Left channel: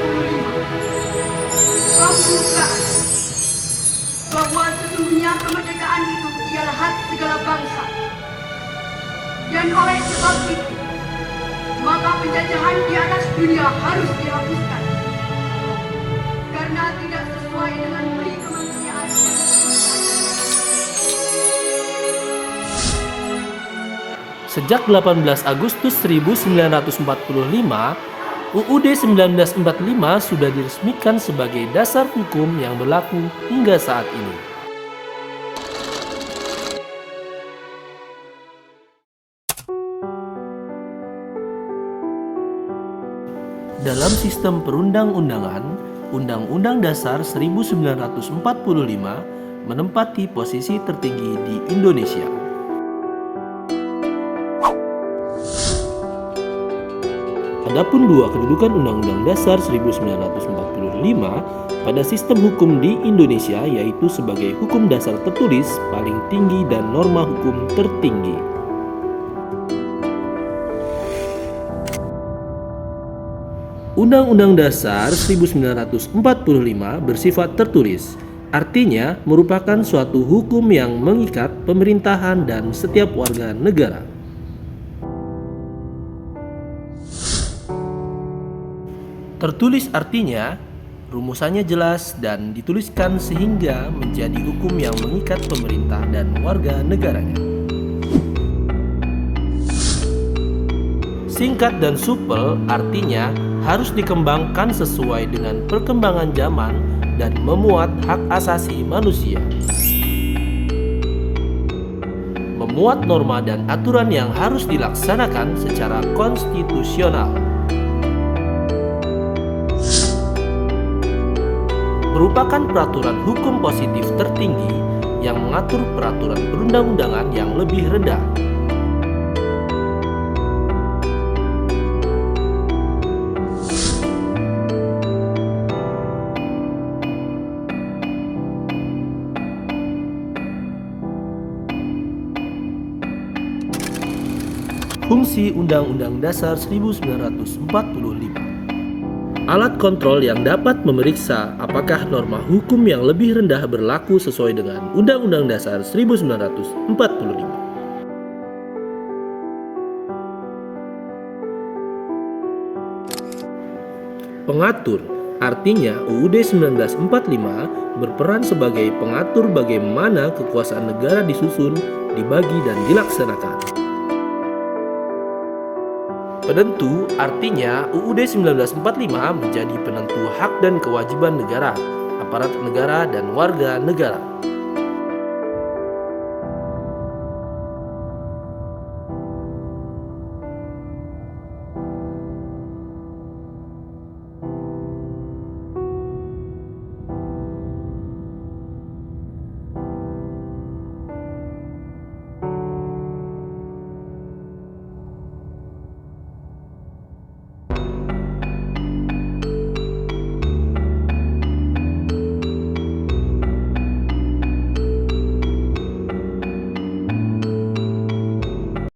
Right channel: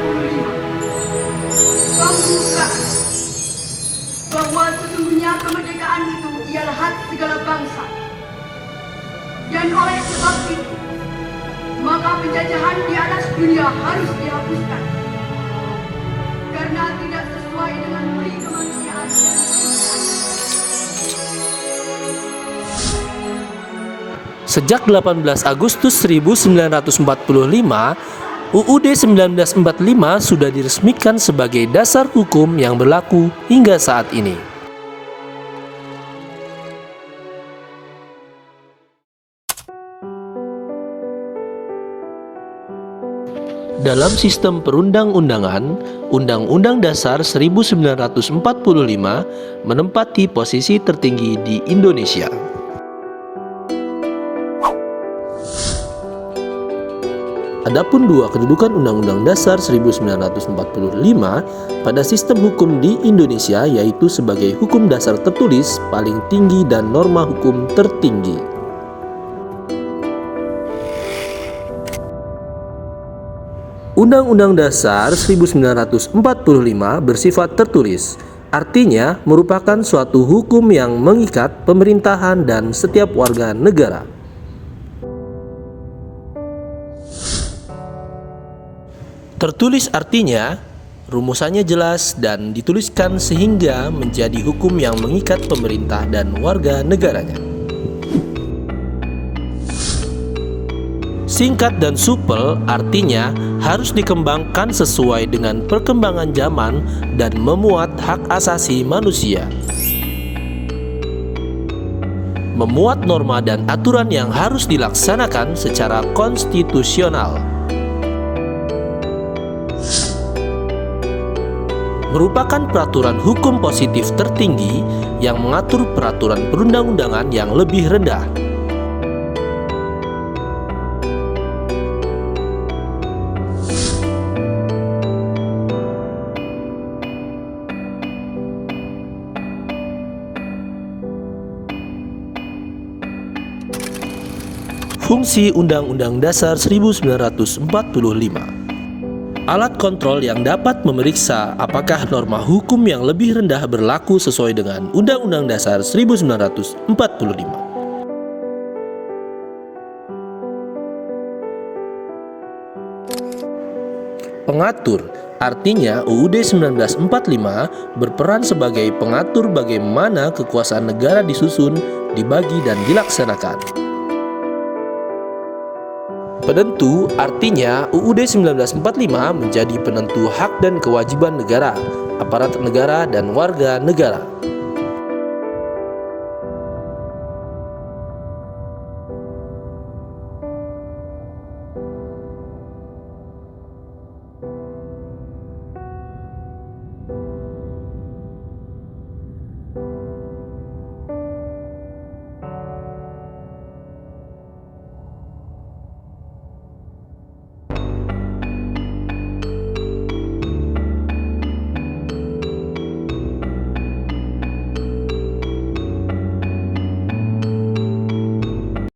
45. Pembukaan bahwa sesungguhnya kemerdekaan itu ialah hak segala bangsa. Dan oleh sebab itu, maka penjajahan di atas dunia harus dihapuskan. Karena tidak sesuai dengan peri kemanusiaan dan Sejak 18 Agustus 1945, UUD 1945 sudah diresmikan sebagai dasar hukum yang berlaku hingga saat ini. Dalam sistem perundang-undangan, Undang-Undang Dasar 1945 menempati posisi tertinggi di Indonesia. Adapun dua kedudukan Undang-Undang Dasar 1945 pada sistem hukum di Indonesia yaitu sebagai hukum dasar tertulis paling tinggi dan norma hukum tertinggi. Undang-Undang Dasar 1945 bersifat tertulis, artinya merupakan suatu hukum yang mengikat pemerintahan dan setiap warga negara. Tertulis artinya rumusannya jelas dan dituliskan sehingga menjadi hukum yang mengikat pemerintah dan warga negaranya. Singkat dan supel artinya harus dikembangkan sesuai dengan perkembangan zaman dan memuat hak asasi manusia. Memuat norma dan aturan yang harus dilaksanakan secara konstitusional. Merupakan peraturan hukum positif tertinggi yang mengatur peraturan perundang-undangan yang lebih rendah. Fungsi Undang-Undang Dasar 1945. Alat kontrol yang dapat memeriksa apakah norma hukum yang lebih rendah berlaku sesuai dengan Undang-Undang Dasar 1945. Pengatur, artinya UUD 1945 berperan sebagai pengatur bagaimana kekuasaan negara disusun, dibagi, dan dilaksanakan. Penentu, artinya UUD 1945 menjadi penentu hak dan kewajiban negara, aparat negara, dan warga negara.